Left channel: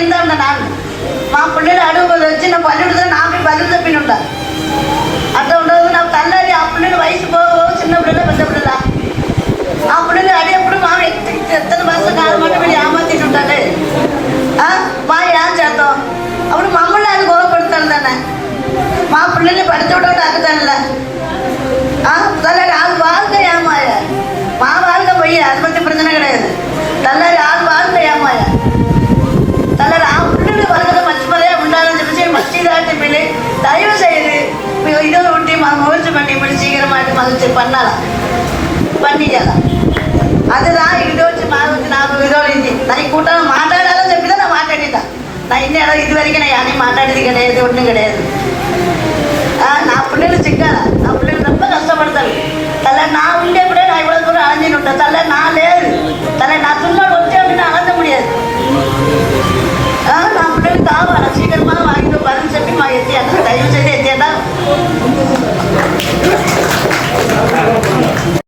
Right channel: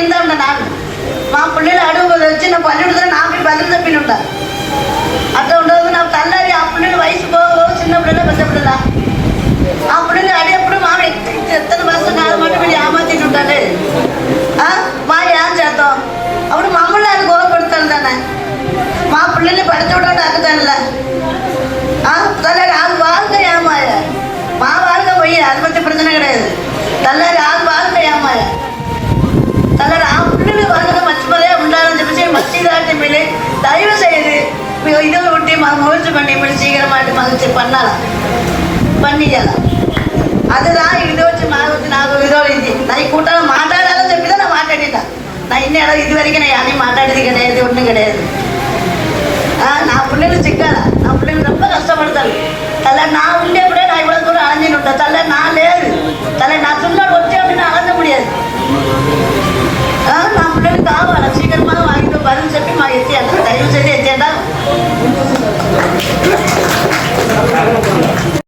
இருந்தா நான் మా పిల్లలు అడుగు వచ్చిన పల్లెడు నాకు బదులు తప్పినుంటా అట్లా ఉండదు నాకు తల్లారి ఆ పిల్లలు వయసు చిన్న పిల్లలు పెద్దప్పుడుదా ఆ పిల్లలు అడిగినప్పుడు మా ఎత్తని భాష కాదన్నమాట మీరు ఏమాతింటుంటే మా ఏం చేద్దాం అప్పుడు మమ్మల్ని అది గోల పెడతాను దాన్ని మా పిల్లల్ని పెడతాడు తాకుతానులా తల్లారి ఆరు బాగా ఏమాయ మా వాళ్ళగా పోయి అది పற்றி பிரச்சனை கிடையாது తల్లారి ఆరు బాగా ఏమాయ తల్లారి ఆ పిల్లలు వరకు మర్చిపోయే ఉండాలని చెప్పేసి మర్చిదాటి వెళ్ళి தயவு செய்து இதை விட்டு முயற்சி பண்ணி இப்படி சீக்கிரமாட்டு மகிழ்ச்சி பண்ணிக்கலாம் அதுதான் ఇది వచ్చి నాకు ఇదోడింది నా ఈ కూటమి మాట్లాడాలని చెప్పిదా నా మాట్లాడిదా నా ఇన్ని ఇది వరకు నేను మాట్లాడేది కదా